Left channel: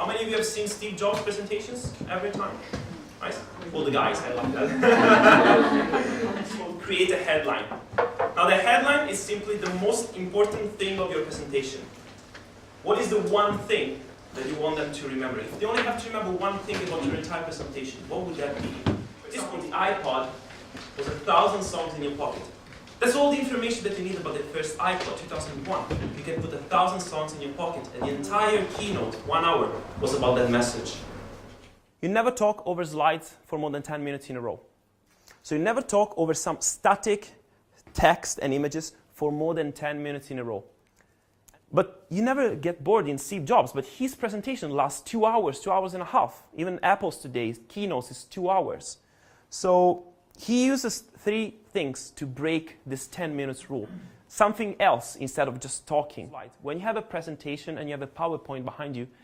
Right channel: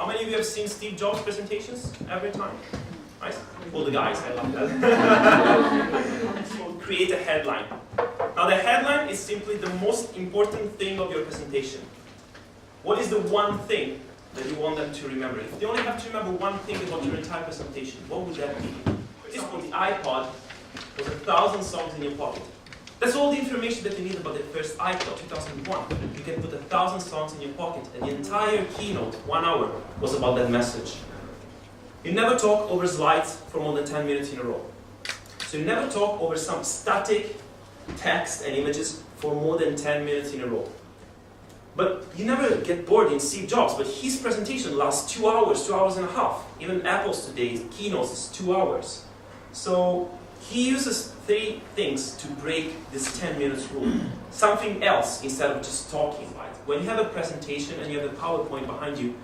How many of you have seen Steve Jobs presentations every time? Nice. All the guys, I love that. Create a headline. Now the headline is simply the most important thing of your presentation. What is the one thing that you want them to remember? If they only have to remember one thing about your entire presentation, what would that be? At this point, the iPod was 1,000 songs in your pocket. That's all the information that you need about the first iPod, 2001. You can put 1,000 songs in your pocket, and the entire keynote, 1 hour, was about that message. You never talk over slides for more than 10 minutes in a row. So you never talk over some static text and images for more than 10 minutes in a row. But you never get bored in Steve Jobs, but his presentation lasts 2 hours, 2 hours and a half. Even Apple's today, keynotes is 2 hours. So he uses 3 things to break this 10 minutes rule. Something else instead of just talking. When you have a presentation and you have a PowerPoint behind you,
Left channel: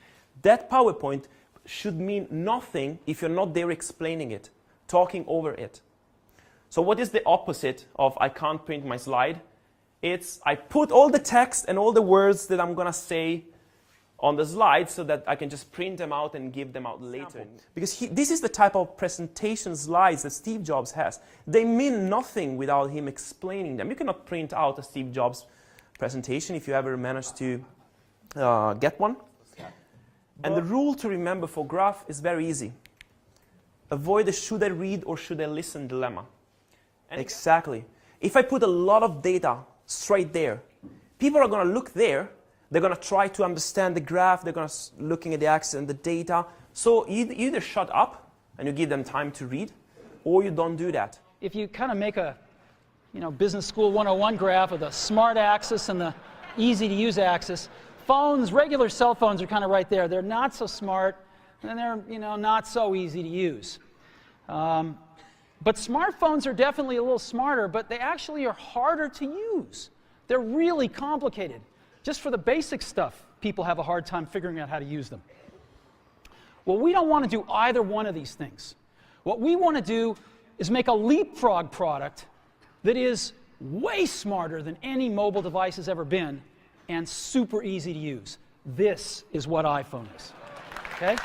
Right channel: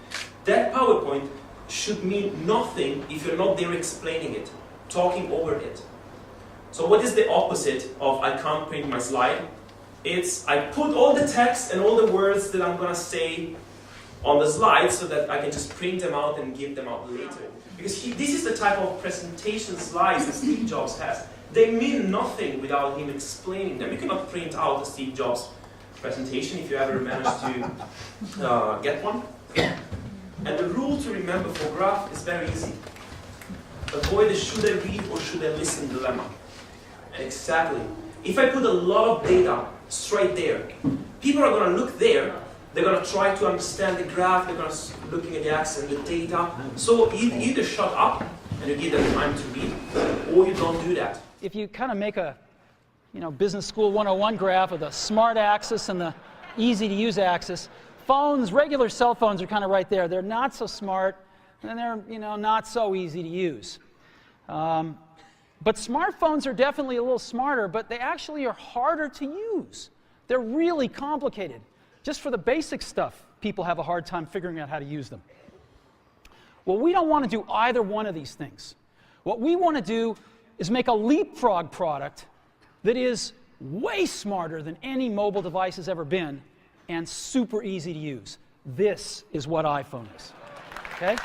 that PowerPoint should mean nothing if you're not there explaining it, talking over it. So what is the opposite of I can't print my slide? It's I put all the text and all the words that I'm going to say on the slide so that I can just print them out and give them out later. Because this is the type of presentation slides that Steve Jobs has. They mean nothing without him explaining them. You cannot print out a Steve Jobs presentation if you ever manage to get one. And the rule to remember for graph is very easy. Avoid the should I read or should I listen dilemma. And exactly, if I put a lot of data straight there, people are going to look there, they're going to try to understand the graph, they're going to looking at the axis and the data. So you either shut up and you give them time to read, or you don't do that. If you kind of make a business school 101 graph of the smart axis and the easy to use axis, phones, regular cell phones are kind of right there. They're not so smart, and they're not so easy to use. But smartphones are definitely a little smarter, but they actually are harder to use. They're really complicated. Just for the basic stuff, people have a hard time figuring out how to use them. Well, we don't want to do either one of these things. What we want to do is make a leapfrog product that is way smarter than any mobile device has ever been and super easy to use. This is what iPhone is. Okay?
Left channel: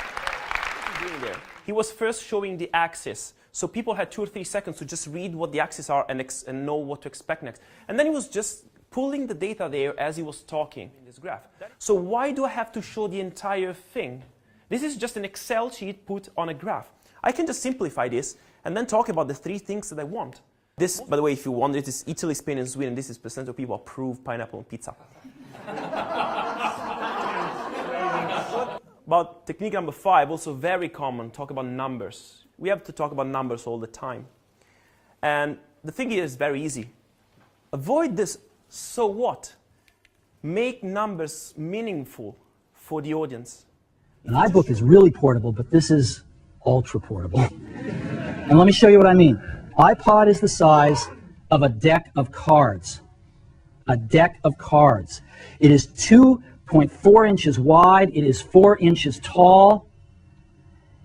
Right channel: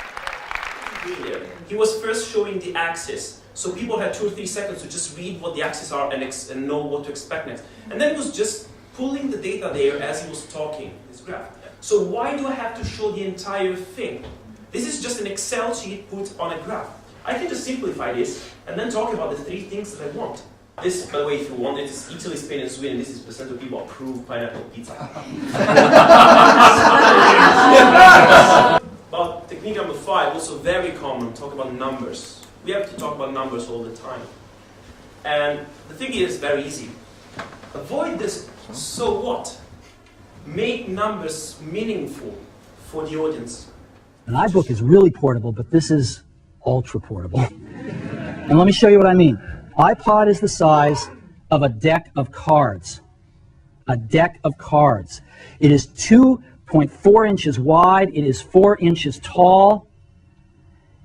He was first showing the axis. So people had 2 or 3 seconds to just read what the axes are and know what to expect next. And then he was just pulling the data there as he was talking, this graph. So why do I have to show the entire thing? This is just an Excel sheet put on a graph. I can just simplify this and then talk about the 3 things that I want. This, by the way, if you wonder, this is Italy, Spain, and Sweden. This is percent of people approve pineapple pizza. About technique number 5, also very common, talk about numbers. We have to talk about numbers all the time. And the thing is very easy. Avoid this so what? Make numbers meaningful for the audience. An iBook is really portable, but this is ultra portable. And let me show you what I mean. iPod is the size of a deck of cards. A deck of cards. It is 2.4 inches wide. It is 4 inches tall.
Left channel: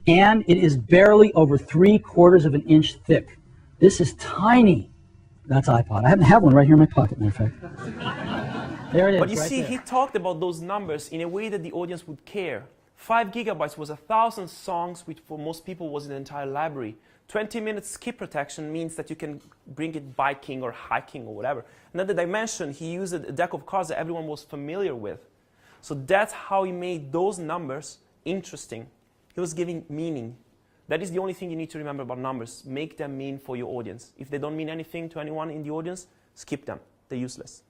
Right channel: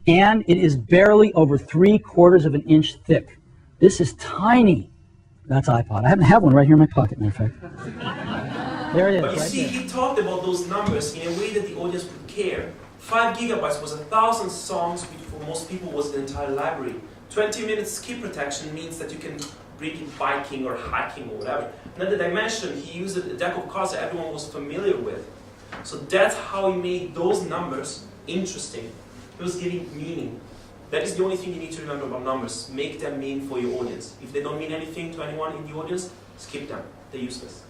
And it is barely over 3/4 of an inch thick. This is tiny. That's iPod. I happen to have one right here in my pocket, matter of fact. There it is, but you right see, there. he talked about those numbers in a way that the audience would care. 5 gigabytes was 1,000 songs, which for most people was the entire library. 20 minutes skip protection means that you can bring it biking or hiking or whatever. And then the dimension, he used a deck of cards that everyone was familiar with. So that's how he made those numbers interesting. He was giving meaning. That is the only thing you need to remember about numbers. Make them mean for your audience. If they don't mean anything to anyone in the audience, skip them. They're useless.